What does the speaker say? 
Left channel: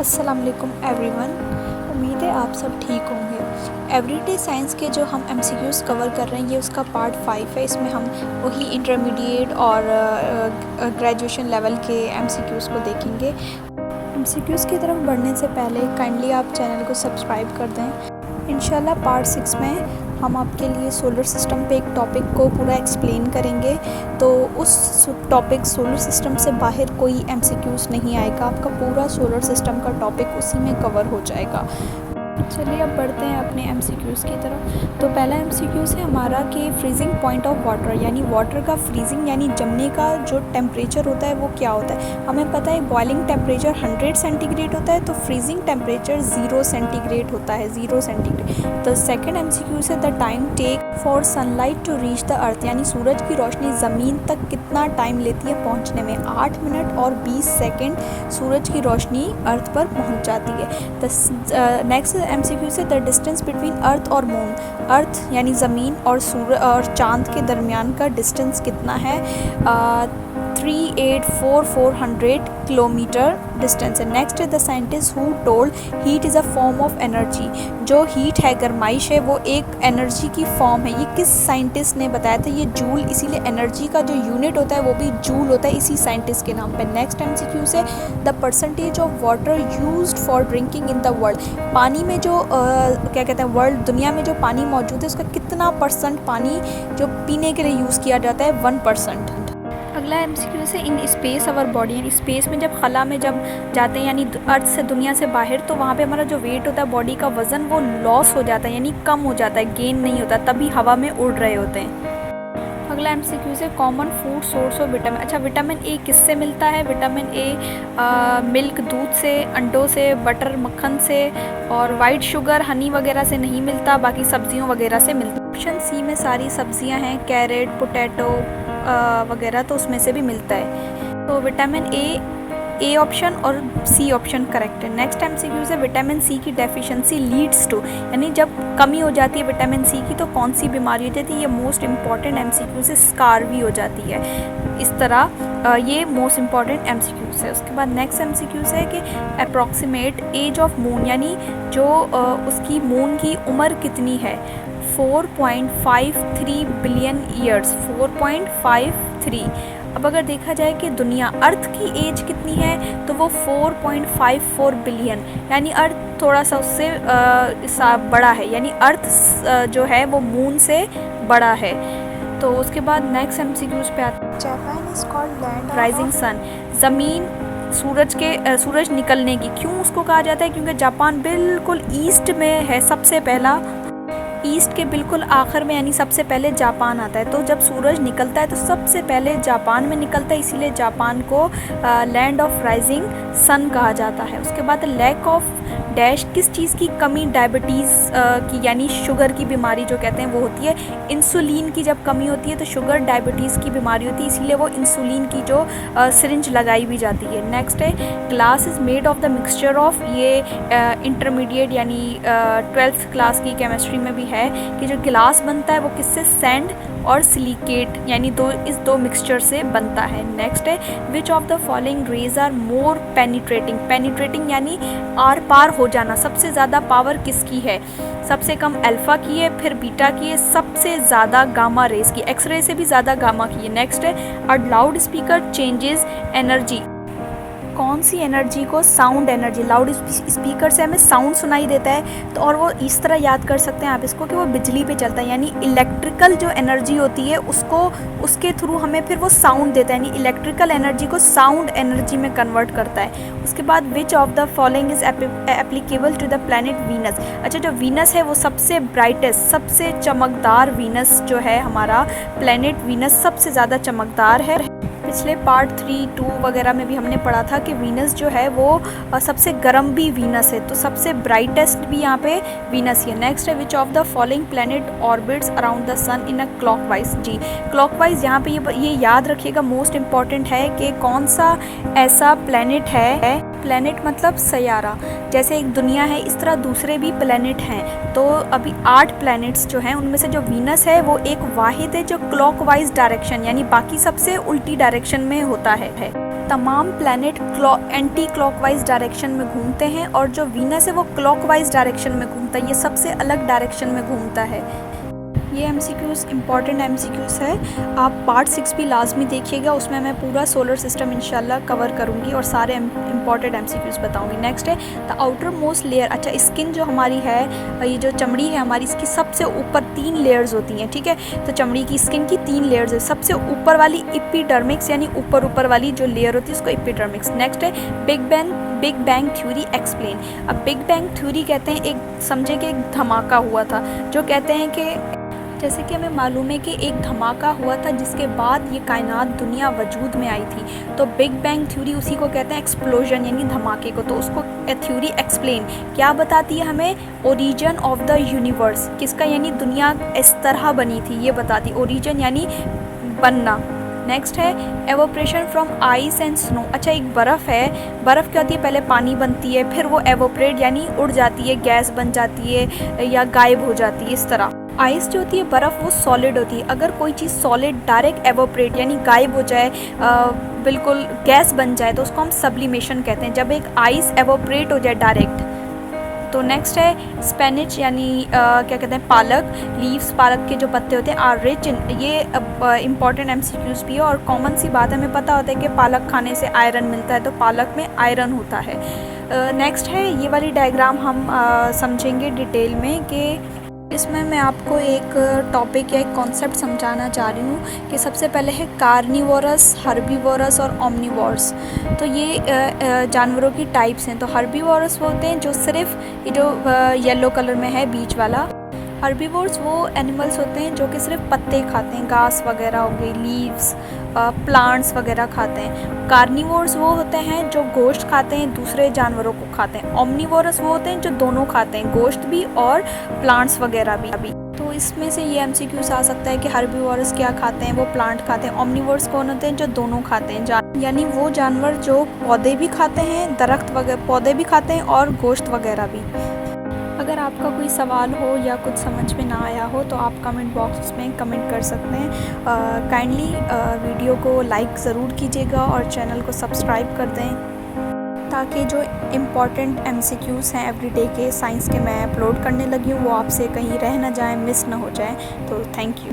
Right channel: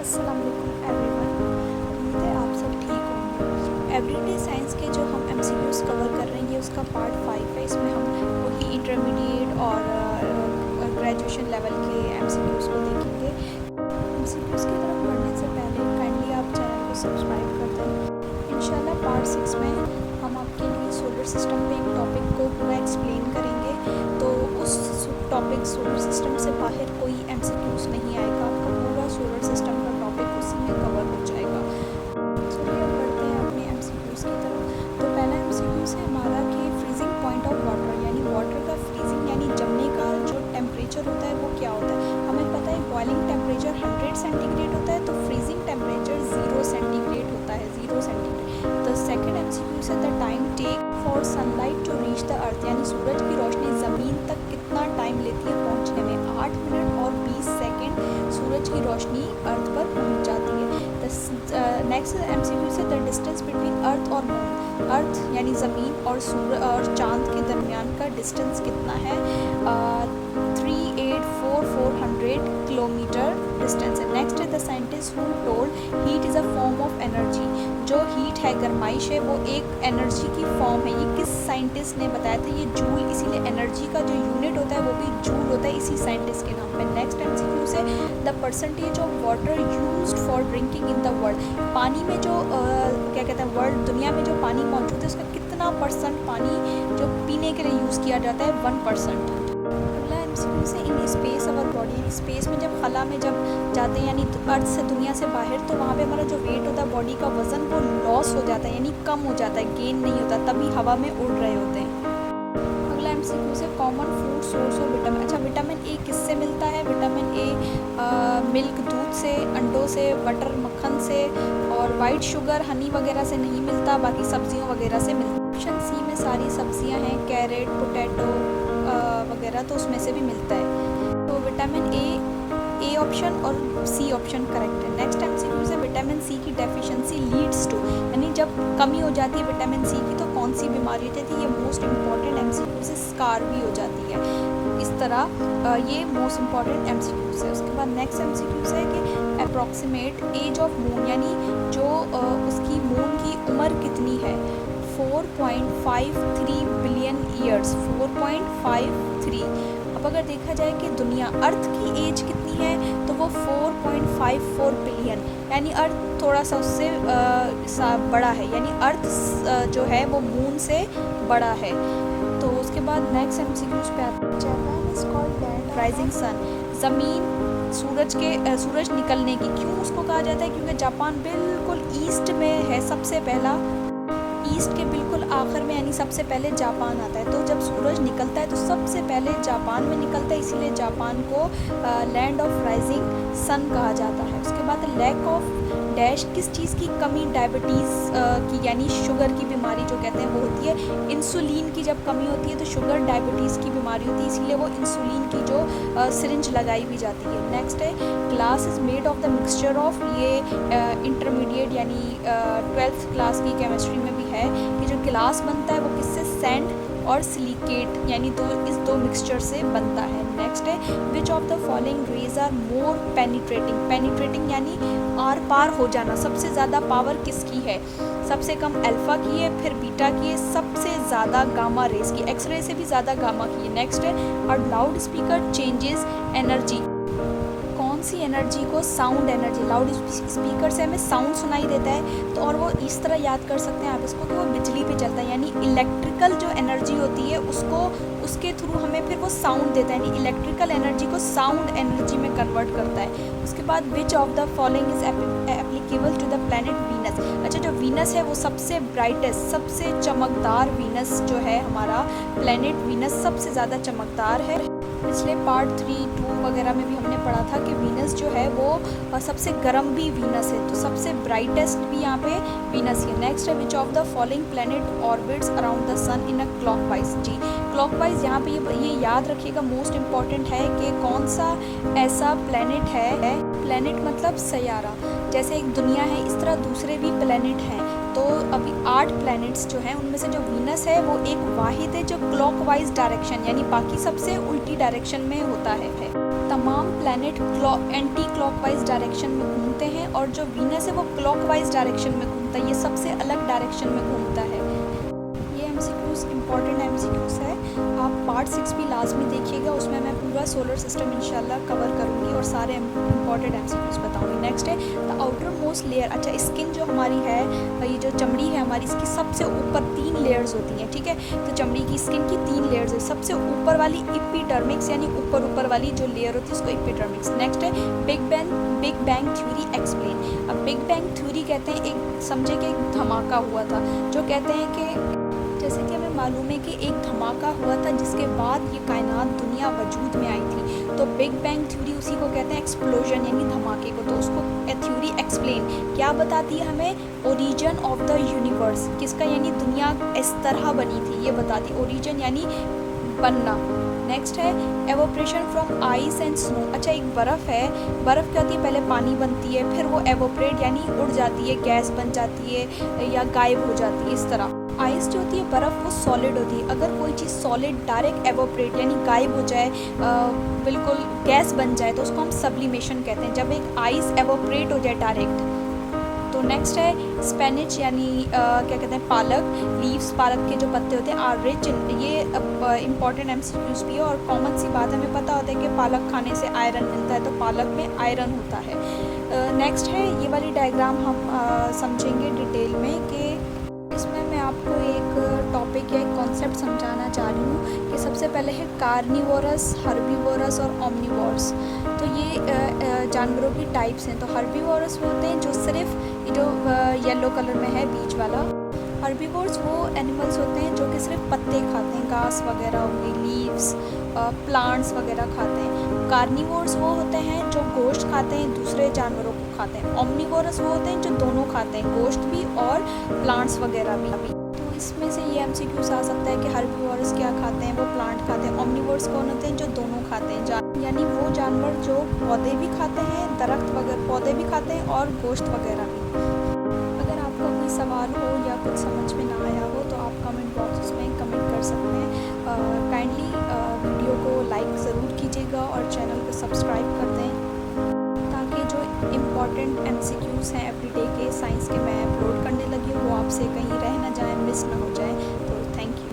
अस्सलाम वालेकुम एवरीवन। उम्मीद है आप सब ठीक होंगे। एवरीडे साइंस के जो हम एमसीक्यूज़ कवर कर रहे हैं ये उसका पार्ट 5 है। इसमें हम वही इंटरमीडिएट और ग्रेजुएशन लेवल के एमसीक्यूज़ को देखेंगे। एमसीक्यूज़ की तरफ बढ़ने से पहले काइंडली आप चैनल को सब्सक्राइब कर दें। इंशाल्लाह पार्ट 6 में हम आपके लिए सोलर सिस्टम पे एक टॉपिक को पूरा एक्सप्लेन करेंगे। तो उस टॉपिक सोलर सिस्टम से बाहर कोई एमसीक्यूज़ नहीं आएगा, आपका पूरा सोलर सिस्टम का टॉपिक उसी में कवर हो जाएगा। चलिए अब बढ़ते हैं अपने एमसीक्यूज़ की तरफ। तो पहला एमसीक्यूज़ है हमारा कि फ्रीजिंग पॉइंट ऑफ वाटर, यानी वाटर का फ्रीजिंग यानी जमने का जो टेम्परेचर होता है वो क्या होता है। हमें पता है बॉइलिंग टेम्परेचर 100 सेंटीग्रेड होता है, तो फ्रीजिंग टेम्परेचर 0 सेंटीग्रेड होता है, 0 सेंटीग्रेड। द सेकेंड एमसीक्यूज़ है the time take for sunlight to reach the earth, यानी सूरज की रोशनी ज़मीन तक कितना टाइम लेती है पहुँचने में। 8 मिनट और 20 सेकेंड सूरज की रोशनी अर्थ पर पहुँच जाती है। नेक्स्ट एमसीक्यू से द डिस्टेंस बिटवीन अर्थ और मून, अर्थ यानी ज़मीन और सूरज और चांद के दरमियान का डिस्टेंस कितना है। 384,400 किलोमीटर डिस्टेंस है। Next the scientist who told heat is a form of energy, जो हीट है गर्माइश है वो एक एनर्जी की फॉर्म है। ये किस साइंटिस्ट ने बताया था, ये जूल, इसीलिए एनर्जी का जो यूनिट होता है वो भी जूल होता है इसी साइंटिस्ट के नाम पे। नेक्स्ट एमसीक्यू से the percentage of water used for drinking in the world, पानी में जो क्या कहते हैं वर्ल्ड दुनिया में जो पानी मौजूद है उसका कितना परसेंट पानी जो पीने के लिए यूज़ किया जाता है, 1%। अगला एमसीक्यू से इन स्पेस अवर बॉडी, यानी स्पेस में जब खला में जब जाते हैं यानी अर्थ से दुनिया से बाहर, तो वहाँ पे हमारा जो वेट होता है बॉडी का वज़न वो लॉस हो जाता है, यानी कम हो जाता है, गेन नहीं होता, तभी हवा में उड़ रहे होते हैं। अगला एमसीक्यू से common food source of vitamin. अच्छा, विटामिन ए किससे मिलता है। विटामिन ए मिल्क, दूध से, अंडों से, बटर मक्खन से, और वाइट शुगर हनी वगैरह से नहीं मिलता, बाकी सब्जियों वगैरह से मिलता है। ऑप्शन सी में सारी सब्जियां हैं, कैरेट, पोटैटो वगैरह, तो उसमें से भी मिलता है। तो विटामिन ए ऑप्शन और सी ऑप्शन करेक्ट है। नेक्स्ट एमसीक्यू है विटामिन सी की डेफिशिएंसी लीड्स टू, यानी जब कमी हो जाती है विटामिन सी की तो कौन सी बीमारी हो जाती है। ये मोस्ट इंपॉर्टेंट एमसीक्यू से स्कार भी हो जाती है। इस तरह ये मोस्ट इंपॉर्टेंट एमसीक्यूज है। उसके बाद नेक्स्ट एमसीक्यूज है कि अप्रॉक्सीमेट एज ऑफ मून, यानी जो उसकी मून की उम्र कितनी है। 4.53 बिलियन ईयर्स, 4.53। अब अगर देखा जाए कि दुनिया अर्थ की एज कितनी है तो वो 4.54 बिलियन, यानी अर्थ थोड़ा सा उससे बड़ा है, यानी अर्थ जो है वो मून से बड़ा है। तो उसके बाद नेक्स्ट एमसीक्यूज पे आता है Japan is called land rising sun, ज़मीन सूरज निकलने की। क्यों उसको कहा जाता है, क्योंकि जापान बिल्कुल ईस्ट में है, सबसे पहला ईस्ट के बिल्कुल आखिर में, यानी सबसे पहले जापान आता है। तो जब सूरज निकलता है तो सबसे पहले जापान में निकलता है, इसीलिए जापान को लैंड ऑफ राइजिंग सन कहा जाता है। उसके बाद लैक ऑफ डैश, किस चीज़ की कमी, डायबिटीज़ की, यानी शुगर की बीमारी जो कहते हैं वो होती है। इंसुलिन की जब कमी होती है तो शुगर डायबिटीज़ की बीमारी होती है, इसीलिए वो इंसुलिन की जो सिरिंज लगाई भी जाती है। नेक्स्ट है glass is made of the mixture of, ये इंटरमीडिएट यानी 12th क्लास की केमिस्ट्री में भी है कि जो गिलास बनता है वो किससे, सैंड और सिलिकेट, यानी इस दो मिक्सचर से बनता है। नेक्स्ट है which of the following rays are more penetrating यानी आर पार हो जाना, सबसे ज़्यादा पावर किसकी है। सबसे कम अल्फ़ा की है, फिर बीटा की है, सबसे ज़्यादा गामा रेज की, एक्सरे से भी ज़्यादा गामा की है। नेक्स्ट है a loud speaker changes energy, कौन सी एनर्जी को, साउंड एनर्जी। लाउड स्पीकर से हमें साउंड सुनाई देता है तो, और वो इस तरह याद कर सकते हैं आप इसको कि वो बिजली पे चलता है, यानी इलेक्ट्रिकल जो एनर्जी होती है उसको उसके थ्रू हमें फिर वो साउंड देता है, यानी इलेक्ट्रिकल एनर्जी को साउंड एनर्जी में कन्वर्ट करता है। उसके बाद which of the following is applicable to the planet Venus. अच्छा, जो वीनस है वो सबसे ब्राइटेस्ट, सबसे चमकदार वीनस जो है हमारा प्लैनेट वीनस सबसे ज़्यादा चमकदार है। पिछले पार्ट 3, 2 वगैरह में भी हमने पढ़ा था कि वीनस जो है वो सबसे गर्म भी वीनस है, तो सबसे ब्राइटेस्ट भी यहाँ पे वीनस ही है। नेक्स्ट है which of the following planet orbits around the sun in a clockwise. जी, क्लॉकवाइज यहाँ पे ये याद रखिएगा, मोस्ट इम्पॉर्टेंट है कि कौन सा ऐसा प्लैनेट है, प्लैनेट मतलब सैयारा, जैसे एक दुनिया है इस तरह दूसरे भी प्लैनेट हैं। तो अभी 8 प्लैनेट्स जो हैं उनमें से जो वीनस है वो एक वाहिद है जो क्लॉकवाइज डायरेक्शन, यानी बाकी सबसे उल्टी डायरेक्शन में होता है। तमाम प्लैनेट एंटी क्लॉकवाइज डायरेक्शन में घूमते हैं और जो वीनस है वो क्लॉकवाइज डायरेक्शन में घूमता है, ये सबसे अलग डायरेक्शन में घूमता है। ये एमसीक्यूज़ इंपॉर्टेंट एमसीक्यूज़ है, आप पार्ट 6 भी लाजमी देखिएगा, उसमें मैं पूरा सोलर सिस्टम इंशाल्लाह कवर करूँगी और सारे इंपॉर्टेंट एमसीक्यूज़ बताऊँगी। नेक्स्ट है द आउटर मोस्ट लेयर। अच्छा, स्किन जो हमारी है, ये जो चमड़ी है हमारी, इसकी सबसे ऊपर 3 लेयर्स होती हैं, ठीक है। तो चमड़ी की स्किन की 3 लेयर्स है। सबसे ऊपर वाली एपिडर्मिक्स यानी ऊपर वाली जो लेयर होती है उसको एपिडर्मिक्स। नेक्स्ट है बिग बैंग थ्योरी एक्सप्लेन। अब बिग बैंग थ्योरी कहते हैं, एक समझे कि एक धमाका हुआ था, जो कहते हैं कि जैसे कि हमें मालूम है कि एक धमाका हुआ था जिसके बाद ये कायनात दुनिया वजूद में आई थी, तो बिग बैंग थ्योरी उसी को कहते हैं, एक्सप्लोजन यानी धमाके को। तो उसको थ्योरी एक्सप्लेन क्या बताती है हमें, ओरिजिन ऑफ द यूनिवर्स, किसका यानी दुनिया इस तरह बनी थी ये बताती, ओरिजिन यानी बनना। नेक्स्ट है evaporation from ice and snow. अच्छा, एक बर्फ़ है, बर्फ़ क्या होती है, पहले पानी बनती है, फिर वो एवोपरेट यानी उड़ जाती है, गैस बन जाती है या गायब हो जाती है, इस तरह। आइस जो होती है बर्फ़, वो सॉलिड होती है। अगर कोई चीज़ सॉलिड डायरेक्ट एवोपरेट यानी गायब हो जाए, बिल्कुल गैस बन जाए, तो उसको हम सब्लिमेशन कहते हैं, जब एक आइस एवोपरेट हो जाए डायरेक्ट। तो नेक्स्ट है स्पेनिच यानी क्या कहते हैं, पालक। लीव्स, पालक के जो पत्ते होते हैं, आर रिच इन, ये इंपॉर्टेंट एमसीक्यूज़ भी है और कॉमन सी बात है, हमें पता होता है कि पालक खाने से आयरन मिलता है, तो पालक में आयरन होता है। नेक्स्ट है ये वाली डायग्राम हम समझेंगे डिटेल में, कि इसमें मैं आपको एक टॉपिक या एक कॉन्सेप्ट समझाना चाह रही हूँ कि सबसे पहले है कार्निवोरस, हर्बीवोरस और ओमनिवोरस। तो ये जानवरों की टाइप्स हैं। तो हर्बीवोरस वो होते हैं जो सिर्फ ये जो येलो कलर में है बीच वाला। हर्बीवोर्स वो एनिमल्स होते हैं जो कि सिर्फ पत्ते खाते हैं, घास वगैरह हो गई, लीव्स, प्लांट्स वगैरह खाते हैं। कार्निवोर्स वो होते हैं जो गोश्त खाते हैं, दूसरे जानवरों को खाते हैं। ओमनिवोरस वो होते हैं जो दोनों खाते हैं, गोश्त भी और प्लांट्स वगैरह भी। तो इसमें से ये एमसीक्यूज़ आ सकता है कि हर्बीवोरस क्या खाते हैं, वो प्लांट खाते हैं। ओमनिवोरस कौन होते हैं, जो दोनों खाते हैं, यानी वो जानवर जो पौधे भी खाते हैं, दरख्त वगैरह पौधे भी खाते हैं और गोश्त वगैरह भी। अगर आपका कोई सवाल हो या कुछ समझ में ना आया हो तो आप कमेंट बॉक्स में कमेंट कर सकते हैं। काइंडली वीडियो को लाइक ज़रूर कीजिएगा और चैनल को सब्सक्राइब कर दें, ताकि जो इम्पॉर्टेंट एमसीक्यूज़ हैं एवरीडे के साइंस के मैं अपलोड करने लगी हूँ वो आपसे कहीं रह ना जाए, मिस ना हो जाए। तो थैंक यू।